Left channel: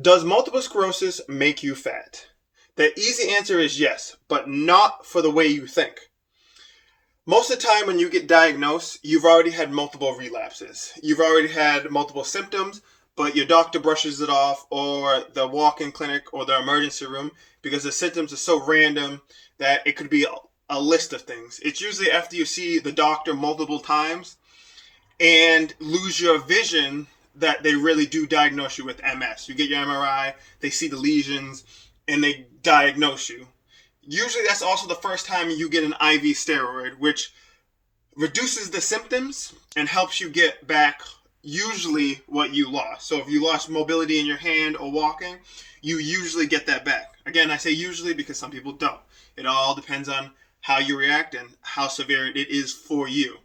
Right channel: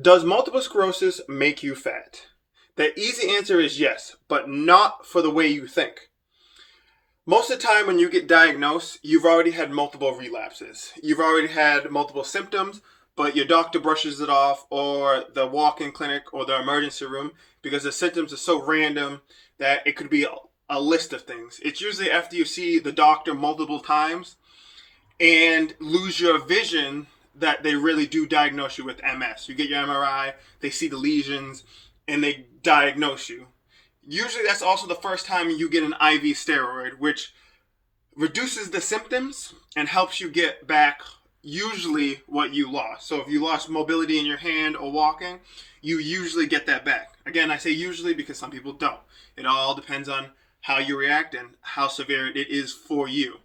Does multiple sclerosis make you fat? The easy answer is yes, but not for the way you think. Most of the time when you get diagnosed, you've already had multiple relapses. You've already had multiple symptoms, but your doctor brushes it off, or the walk-in clinic or the emergency room, because the symptoms are so random that it could be a list of things. It's usually after you see the doctor multiple times and lose your vision that they really do diagnose you with MS. You get your MRI, they see the lesions, and they diagnose you. Usually that's also the first time you get an IV steroid, which reduces the symptoms and helps you get back usually what you lost. So if you lost mobility in your hand or walking, you usually get that back. Again, I say usually because some people don't. It all depends on how you react and how severe it is for you.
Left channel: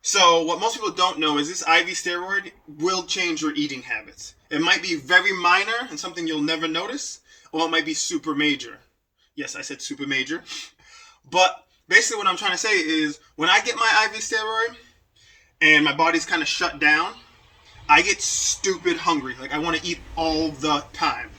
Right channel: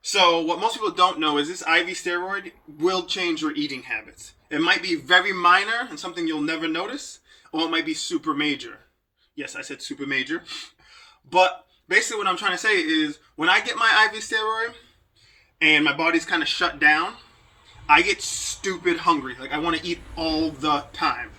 So what most people don't know is this IV steroid will change your eating habits. It might be very minor and something you'll never notice, or it might be super major. Yes, I said super major. But basically what I'm trying to say is when I get my IV steroid and my body's kind of shut down, I get stupid hungry. Like I want to eat all the time.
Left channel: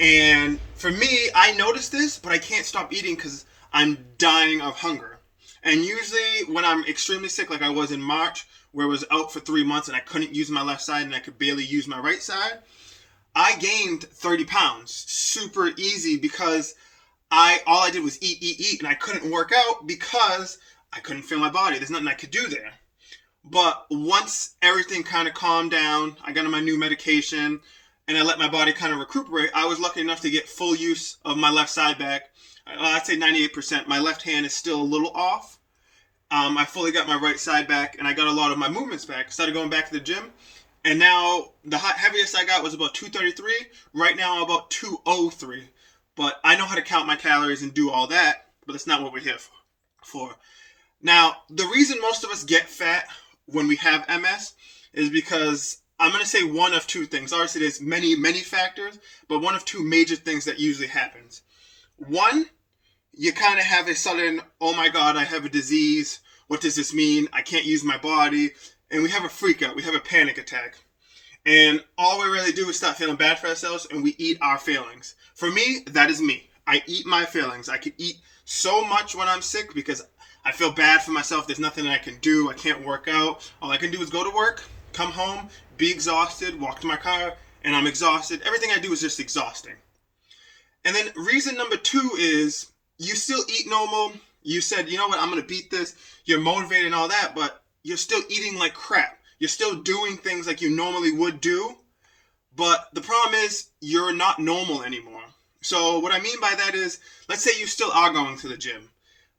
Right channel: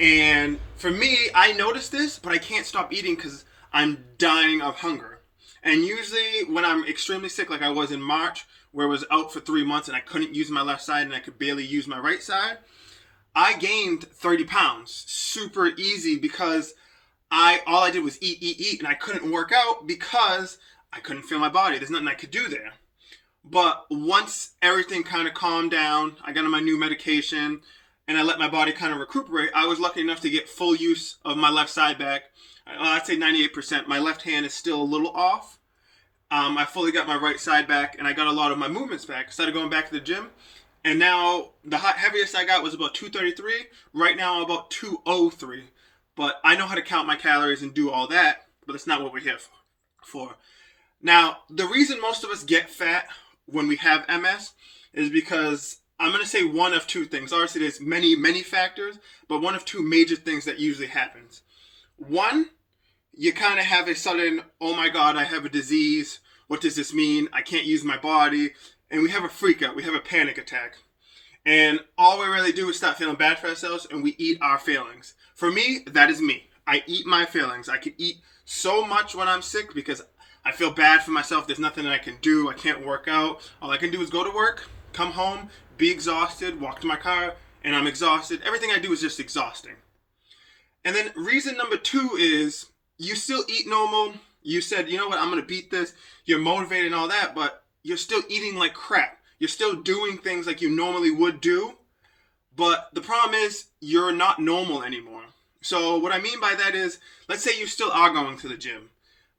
And for me, I notice this, but I can't stop eating because I'm dying of hunger. And usually when I'm extremely sick, like I was in March, where I was out for 3 months and I couldn't use my left side and I could barely use my right side, I gained 30 pounds super easy because all I did was eat, and I couldn't work out because I couldn't feel my body. There's nothing I could do there. But once everything kind of calmed down, I got on my new medication, and I let my body kind of recuperate, I was lucky enough to get full use of my left side back. I'd say 98%. My left hand is still a little off. I fully got my right side back, and I got a lot of my movements back. I started going back to the gym, and now the heaviest I got was about 233. Right now I'm about 203. But I know how to count my calories and do all that, but that's not what we're here for. Now, the reason most of us get fat when we have MS is because I'm going to say one of two things. Obviously, there's many, many factors, but one of two major things that usually happens. One, you kind of have a sudden, oh my God, I have a disease. What does this mean? I can't use my body. And we have a freak out. We have a panic attack. And all we really do is start feeling bad for ourselves, and we eat our feelings. For me, that is me. I eat my feelings. I can eat so much when I'm sick because I feel bad for myself. There's nothing that I can do. I can't work out. All I can do is go to work, come home, be exhausted, walk to my car, and I'm exhausted. Everything I do is just exhausting. And then reason number two is you still eat normal. You said, you know what, I'm going to beat this. You're motivated and all that, but you're still eating like crap. You're still doing things like you normally would do. But the problem is you're not normal anymore. So what I mean by that is, let's say you still are going to the gym,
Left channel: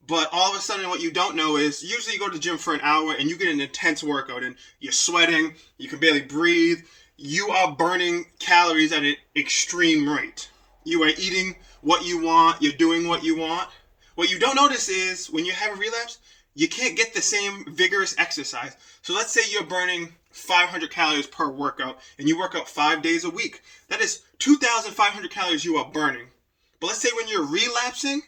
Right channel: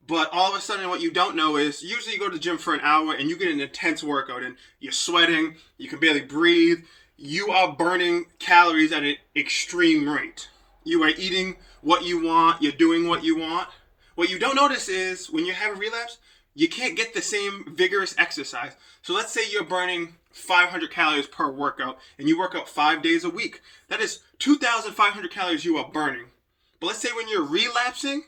but all of a sudden what you don't know is usually you go to the gym for an hour and you get an intense workout and you're sweating, you can barely breathe, you are burning calories at an extreme rate. You are eating what you want, you're doing what you want. What you don't notice is when you have a relapse, you can't get the same vigorous exercise. So let's say you're burning 500 calories per workout and you work out 5 days a week. That is 2,500 calories you are burning. But let's say when you're relapsing,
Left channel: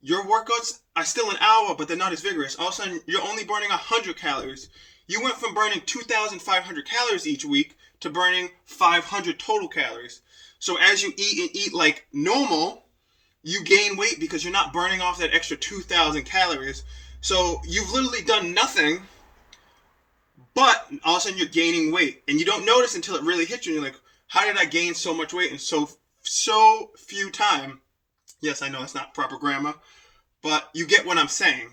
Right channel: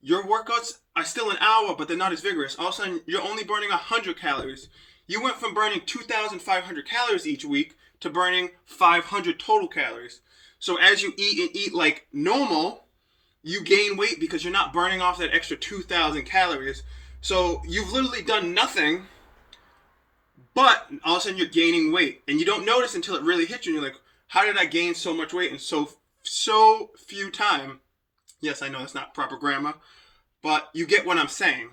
your workouts are still an hour, but they're not as vigorous. All of a sudden, you're only burning 100 calories. You went from burning 2,500 calories each week to burning 500 total calories. So as you eat and eat like normal, you gain weight because you're not burning off that extra 2,000 calories. So you've literally done nothing, but all of a sudden you're gaining weight. And you don't notice until it really hits you. And you're like, how did I gain so much weight in so few time? Yes, I know that's not proper grammar, but you get what I'm saying.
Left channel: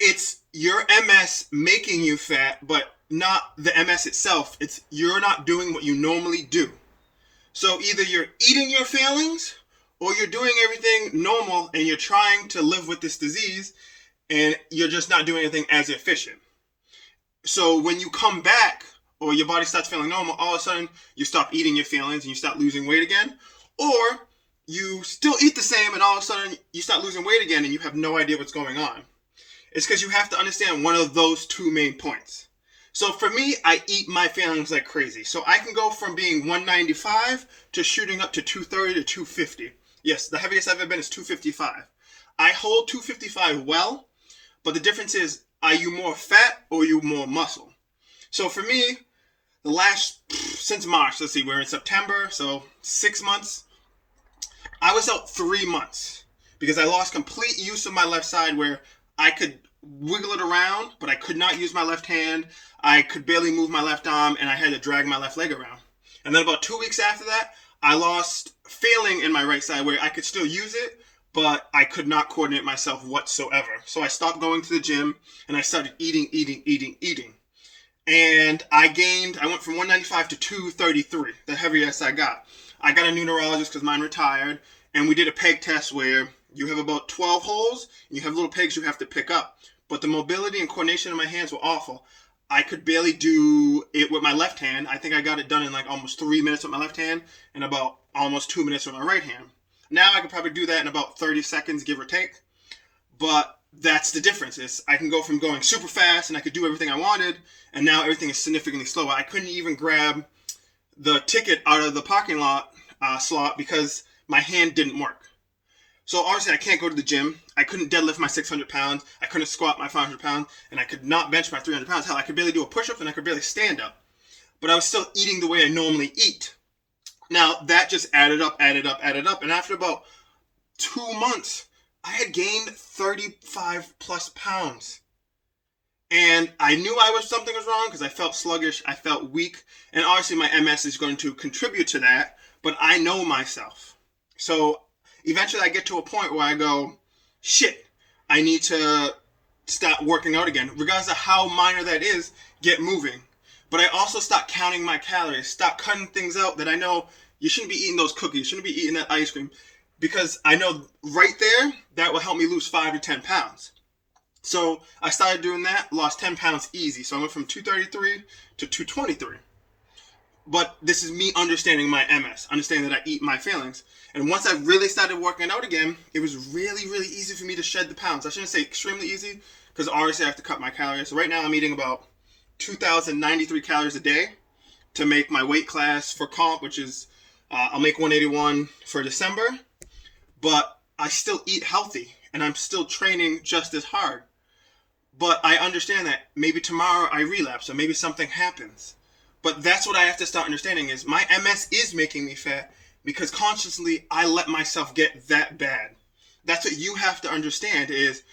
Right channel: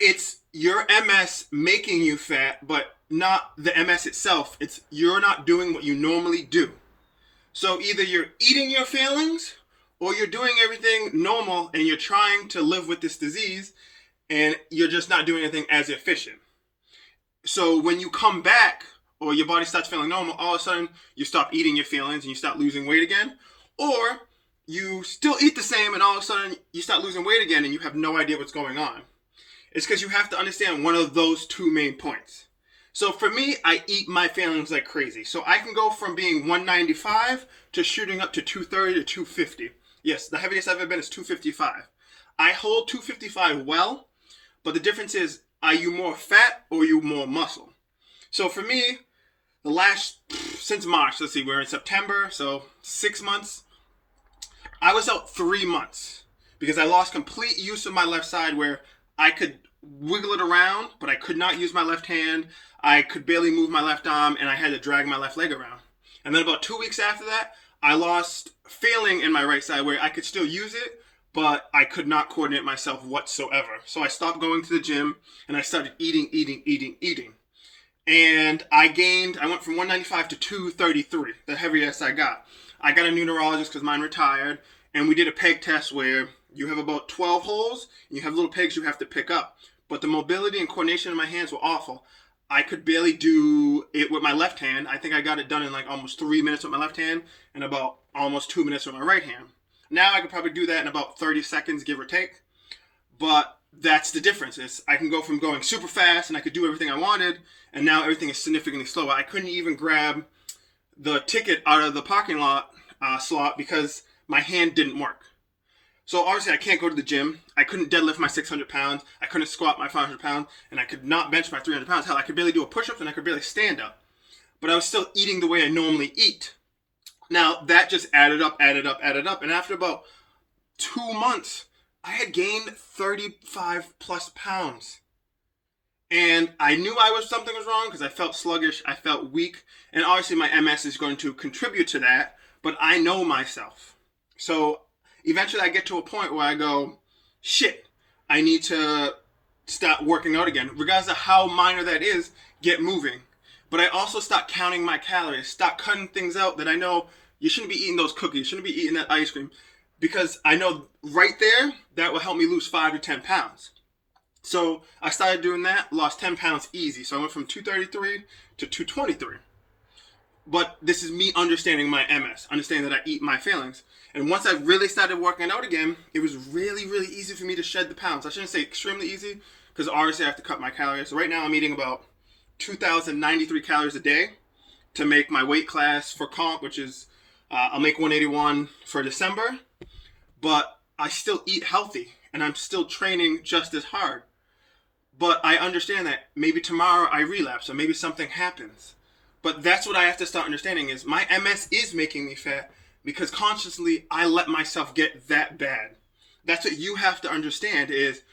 It's your MS making you fat, but not the MS itself. It's you're not doing what you normally do. So either you're eating your feelings or you're doing everything normal and you're trying to live with this disease and you're just not doing anything as efficient. So when you come back or your body starts feeling normal, all of a sudden you stop eating your feelings and you start losing weight again. Or you still eat the same and all of a sudden you start losing weight again and you have no idea what's going on. It's because you have to understand one of those two main points. So for me, I eat my feelings like crazy. So I can go from being 195 to shooting up to 230 to 250. Yes, the heaviest I've ever been is 255. I hold 255 well, but the difference is, are you more fat or are you more muscle? So for me, the last since March, let's see, we're in September, so 6 months. I was out 3 months because I lost complete use of my left side where I could wiggle it around, but I could not use my left hand. I could barely move my left arm, and I had to drag my left leg around. And then about 2 weeks after that, I lost feeling in my right side where I could still use it, but I could not coordinate myself whatsoever. So I stopped going to the gym, and I started eating. And I went from 195 to 233, the heaviest I got. I got a new neurologist because mine retired, and we did a peg test where you have about 12 holes, and you have little pegs you have to pick up. But the mobility and coordination in my hands were awful. I could barely do it with my left hand. I think I got it done in like almost 3 minutes with my left hand and about almost 2 minutes with my right hand. Now I could probably do that in about 30 seconds, give or take. But that's the difference. I can go from going super fast and I could do everything I wanted, and now everything is significantly slower. I couldn't even grab the ticket out of the parking lot slot because my hand didn't work. So obviously I can't go to the gym. I couldn't deadlift my 600 pounds. I couldn't squat my 500 pounds. And I could not bench my 300 pounds. Hell, I could barely do a push-up and I could barely stand up. But I was still eating the way I normally eat. Now that just added up. And after about 2 months, I had gained 35 plus pounds. And I knew something was wrong because I felt sluggish. I felt weak. And obviously my MS is going to contribute to that. But I know myself. So eventually I get to a point where I go, shit, I need to start working out again. Regardless of how minor that is, get moving. But I also start counting my calories, start cutting things out that I know you shouldn't be eating those cookies, you shouldn't be eating that ice cream. Because I know right there, that will help me lose 5 to 10 pounds. So I started doing that, lost 10 pounds easy. So I went from 233 to 223. But this is me understanding my MS, understanding that I eat my feelings. And once I really started working out again, it was really, really easy for me to shed the pounds. I shouldn't say extremely easy, because obviously I have to cut my calories. So right now I'm eating about 2,093 calories a day to make my weight class for comp, which is, I'll make 181 for December. But I still eat healthy, and I'm still training just as hard. But I understand that maybe tomorrow I relapse, or maybe something happens. But that's what I have to start understanding is my MS is making me fat because consciously I let myself get that bad. That's what you have to understand is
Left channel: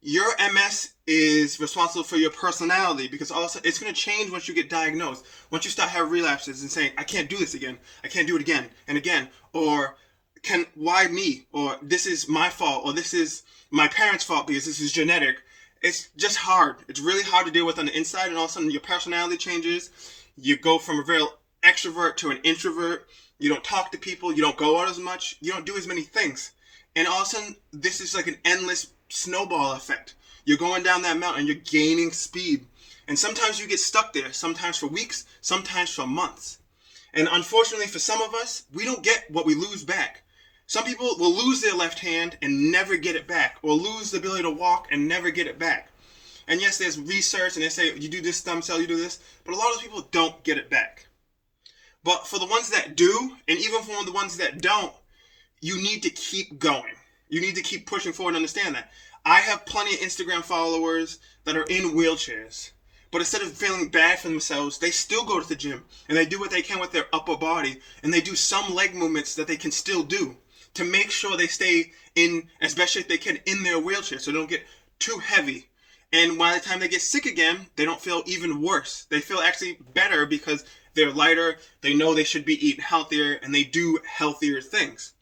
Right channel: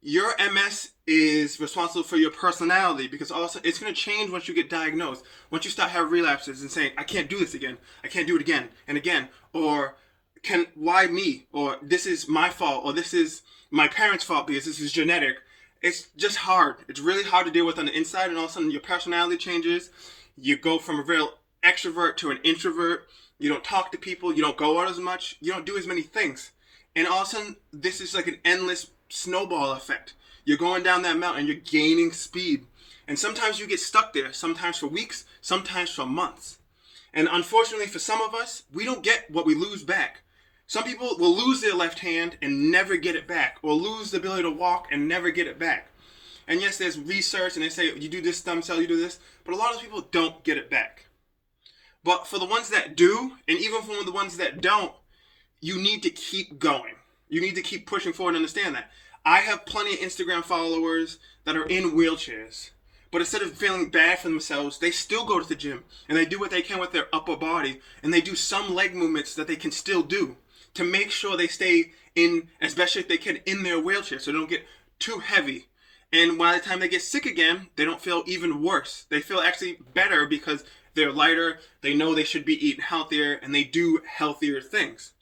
your MS is responsible for your personality because also it's going to change once you get diagnosed. Once you start having relapses and saying, I can't do this again. I can't do it again and again. Or why me? Or this is my fault. Or this is my parents' fault because this is genetic. It's just hard. It's really hard to deal with on the inside, and all of a sudden your personality changes. You go from a real extrovert to an introvert. You don't talk to people. You don't go out as much. You don't do as many things. And all of a sudden, this is like an endless snowball effect. You're going down that mountain. You're gaining speed. And sometimes you get stuck there. Sometimes for weeks. Sometimes for months. And unfortunately for some of us, we don't get what we lose back. Some people will lose their left hand and never get it back. Or lose the ability to walk and never get it back. And yes, there's research and they say, you do this stem cell, you do this. But a lot of people don't get it back. But for the ones that do, and even for the ones that don't, you need to keep going. You need to keep pushing forward and understand that. I have plenty of Instagram followers that are in wheelchairs. But instead of feeling bad for themselves, they still go to the gym. And they do what they can with their upper body. And they do some leg movements that they can still do to make sure they stay in, as best as they can, in their wheelchair. So they don't get too heavy. And by the time they get sick again, they don't feel even worse. They feel actually better because they're lighter, they know they should be eating healthier, and they do healthier things.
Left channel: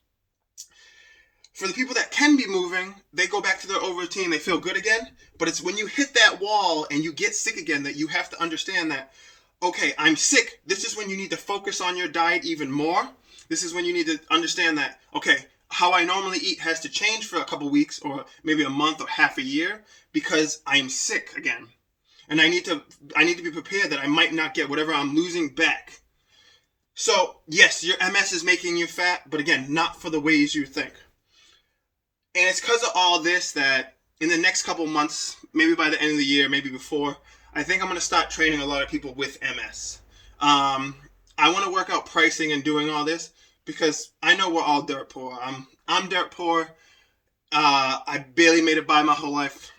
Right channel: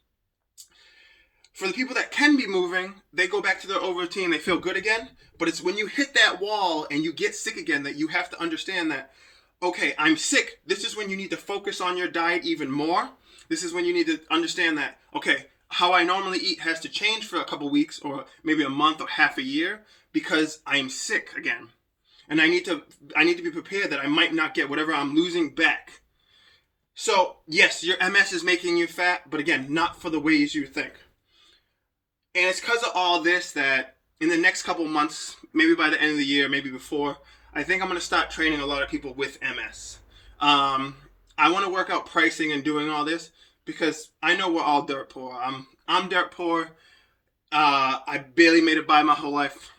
For the people that can be moving, they go back to their old routine, they feel good again. But it's when you hit that wall and you get sick again that you have to understand that, okay, I'm sick. This is when you need to focus on your diet even more. This is when you need to understand that, okay, how I normally eat has to change for a couple weeks or maybe a month or half a year because I'm sick again. And I need to be prepared that I might not get whatever I'm losing back. So, yes, your MS is making you fat, but again, not for the ways you think. And it's because of all this that in the next couple months, maybe by the end of the year, maybe before, I think I'm going to start training a lot of people with MS. I want to work out pricing and doing all this because I know we're all dirt poor. I'm dirt poor. I barely made it by my whole life.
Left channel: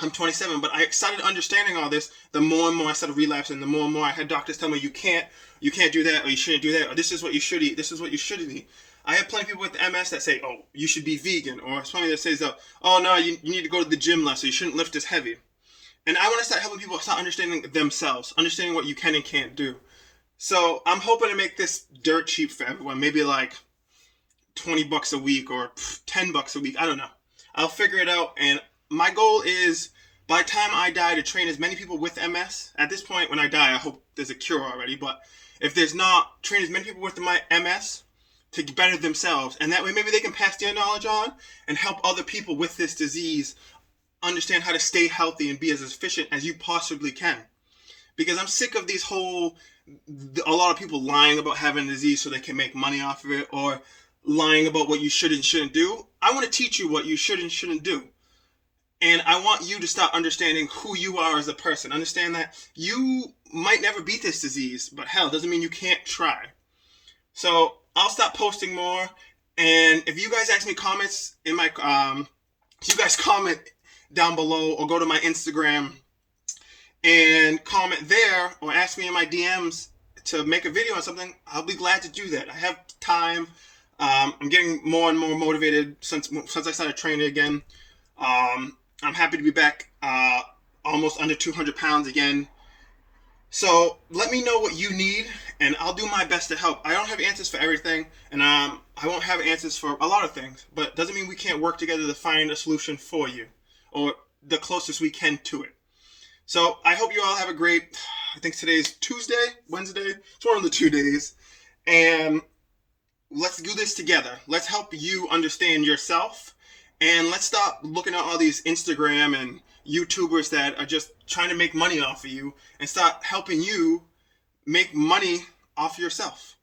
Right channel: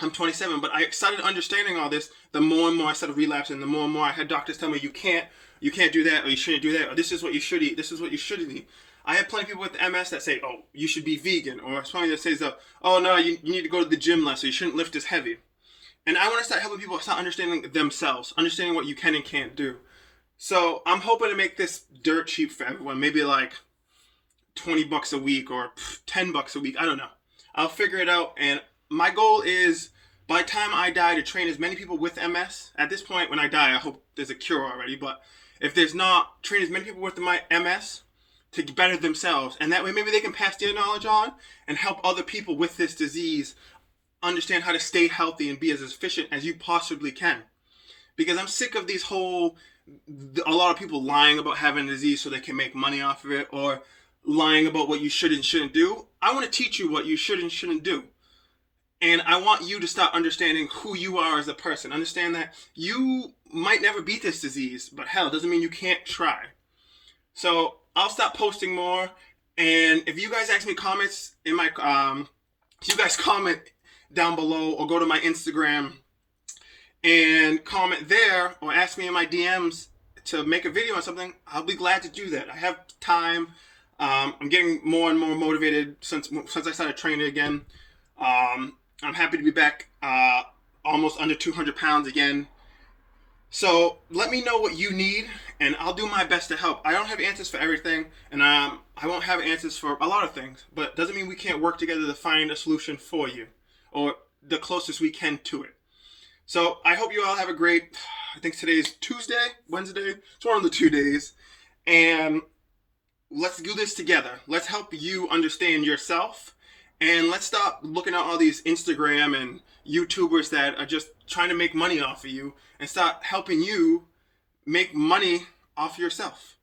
I'm 27, but I started understanding all this the more and more I started relapsing, the more and more I had doctors tell me you can't you can't do that, or you shouldn't do that, or this is what you should eat, this is what you shouldn't eat. I have plenty of people with MS that say, oh, you should be vegan, or somebody that says, oh no, you need to go to the gym less, or you shouldn't lift as heavy. And I want to start helping people start understanding themselves, understanding what you can and can't do. So I'm hoping to make this dirt cheap for everyone, maybe like $20 a week or $10 a week. I don't know. I'll figure it out. And my goal is, by the time I die, to train as many people with MS. At this point, when I die, I hope there's a cure already. But if there's not, train as many people with my MS to better themselves. And that way, maybe they can pass their knowledge on and help other people with this disease understand how to stay healthy and be as efficient as you possibly can. Because I'm sick of a lot of people lying about having a disease so they can make money off of it, or lying about what you should and shouldn't do. I want to teach you what you should and shouldn't do. And I want you to start understanding who you are as a person. Understand that you might never beat this disease, but hell, doesn't mean you can't try. So I'll stop posting more. And if you guys ask me comments in my, if you guys comment down below, or go to my Instagram and comment there, or ask me in my DMs to make a video on something, I'll be glad to do that. I have time. I'm getting more and more motivated since I started training again. I'm happy to be back, almost under 200 pounds again. So let me know what you need, and I'll do my best to help. I don't have answers for everything, and I won't have answers for a lot of things, but it doesn't mean we can't work together to find a solution for you, or the closest we can to it. So I hope you all have a great, I think today's Tuesday, Wednesday, it's one of the 2 days, and let's do this together. Let's help you understand yourself, and let's stop looking at all these Instagram and YouTubers that are just trying to make money off of you, and start helping you make money off yourself.